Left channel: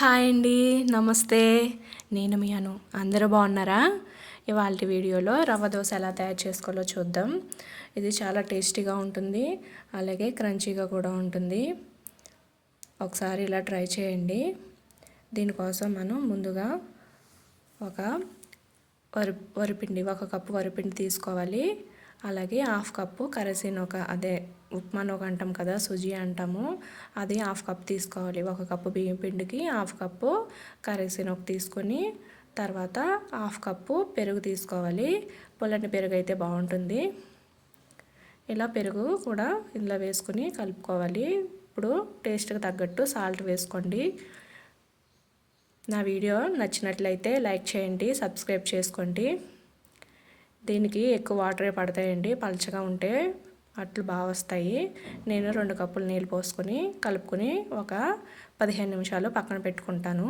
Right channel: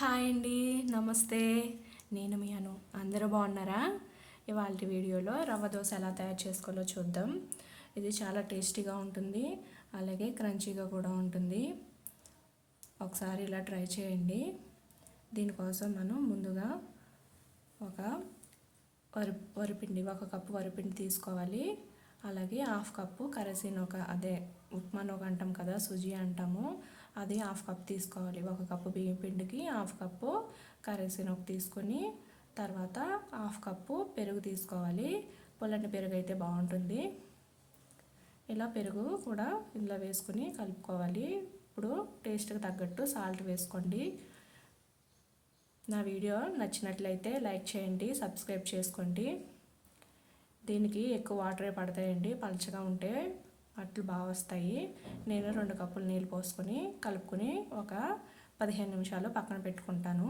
Hi అండి నమస్తే. నేను మీ అను. అందరూ బాగున్నారా? ఇవాళ వీడియోలో రవ్వ దోశ ఎలా తయారు చేసుకోవాలో చూద్దాం. ఇది చాలా టేస్టీగా ఉంటుంది. అలాగే క్రంచీగా కూడా ఉంటుంది. ఒకసారి ఇలా ట్రై చేయండి. దీనికోసం మనం ముందుగా ఒక వరి వరిపిండి ఒక కప్పు వరిపిండి తీసుకోవాలి. అలాగే హాఫ్ కప్పు కరసీనొక అదే ఉప్మానొక అంటాం కదా సుజీ అంటాము. అది హాఫ్ కప్ తీసుకోవాలి. ఒక కప్పు బియ్యం పిండికి హాఫ్ కప్పు కరసీనొక తీసుకొని తర్వాత హాఫ్ కప్పు పెరుగు తీసుకోవాలి. పుల్లని పెరుగు అయితే బాగుంటుంది. ఇలా పెరుగు కూడా ఇందులో వేసుకుని కలుపుకోవాలి. ఇప్పుడు టేస్ట్కి తగ్గట్టు సాల్ట్ వేసుకోండి. నా వీడియో నచ్చినట్లయితే లైక్ చేయండి సబ్స్క్రైబ్ చేసుకోండి. దీనికి ఎక్కువ వాటరే పడతాయండి. పలచగా ఉంటే అట్లు బాగా వస్తాయి. నేను రెండు కప్పులు నీళ్ళు పోసుకొని కలుపుకొని ఒక పదిహేను నిమిషాలు పక్కన పెట్టుకుంటాను.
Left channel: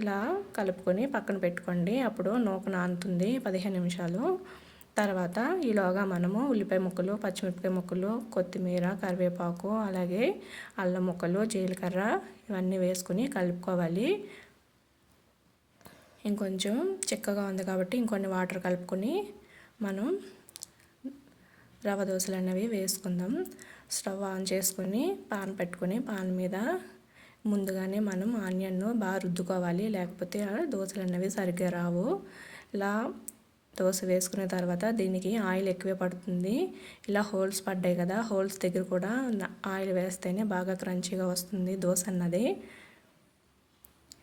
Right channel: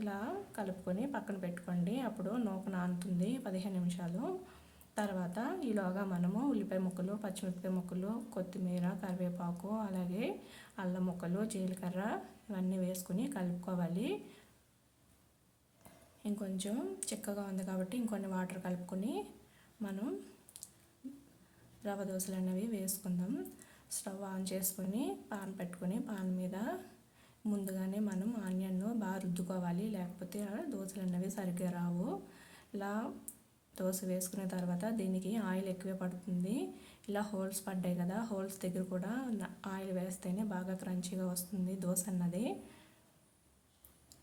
ఇలా కలుపుకొని పక్కన పెట్టుకోండి. అప్పుడు నూక నానుతుంది పదిహేను నిమిషాలు. తర్వాత ఈలోగా మనము ఉల్లిపాయ ముక్కలు పచ్చిమిరపకాయ ముక్కలు కొత్తిమీర కరివేపాకు అలాగే అల్లం ముక్కలు జీలకర్ర ఇవన్నీ వేసుకొని కలుపుకోవాలి. ఇంకొంచెం చిక్కగా ఉంది కాబట్టి ఇంకొన్ని వాటర్ కలుపుకొని మనం రవ దోశలు అనేవి వేసుకుందాం. స్టవ్ ఆన్ చేసుకొని పాన్ పెట్టుకొని పాన్ మీద ముందుగానే మనం ఆనియన్ను బాగా రుద్దుకోవాలి. లేకపోతే దోశలు అనేవి సరిగ్గా రావు. ఇలా దోశ వేసుకున్న తర్వాత దీనికి ఆయిల్ ఎక్కువే పడుతుంది. ఇలా హోల్స్ పడ్డాయి కదా హోల్స్ దగ్గర కూడా ఆయిల్ వేస్తేనే బాగా క్రంచీగా వస్తుంది దోశ అన్నది.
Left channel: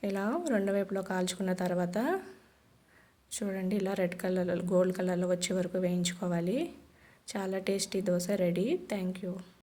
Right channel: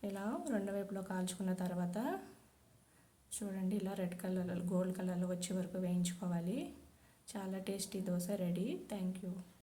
ఇలా రెండు వైపులో కాల్చుకున్న తర్వాత చూడండి ఇలా రెడ్ కలర్లో గోల్డ్ కలర్లో వచ్చే వరకు వేయించుకోవాలి. చాలా tasty dosa ready. Thank you.